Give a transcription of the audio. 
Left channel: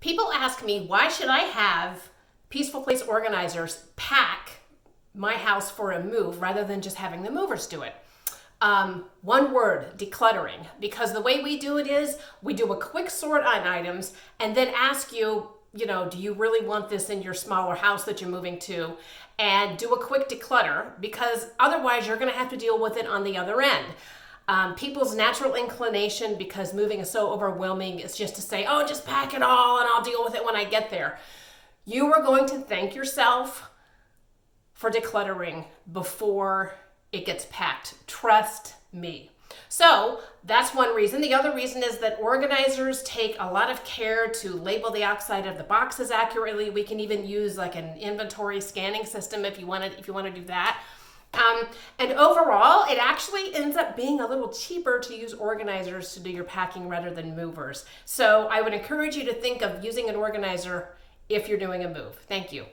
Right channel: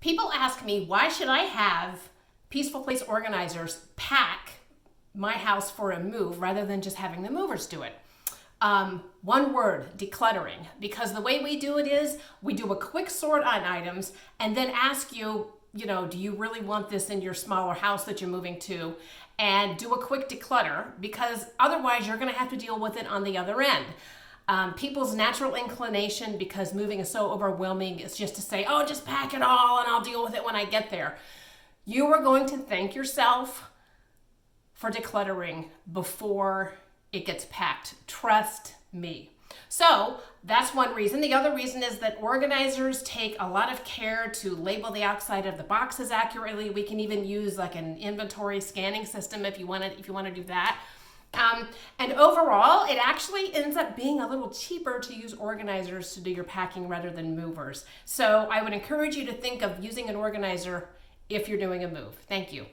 People ask me, why should I have Peaceful Place organizers pack my house for a move rather than just having the movers do it? One word, decluttering. Because the way we do it is we do a quick sort on items and then ask you, do you really want this in your smaller house that you're moving to? And do a quick declutter, because otherwise you're going to have to deal with it on the other end. People's natural inclination, because moving is so overwhelming, is just to say, oh, just pack it all and I'll deal with it when I get there. You are going to thank yourself for decluttering before it gets packed. Trust me. So that's one reason. The other reason is that organizers take a lot of care to label the outside of the boxes accurately. We can even use like an inventory scanning system if you want to do that. And overall, it actually ends up being a little cheaper to use organizers to do your packing rather than movers. So I would encourage you to think of using an organizer if you're doing a move. Thank you.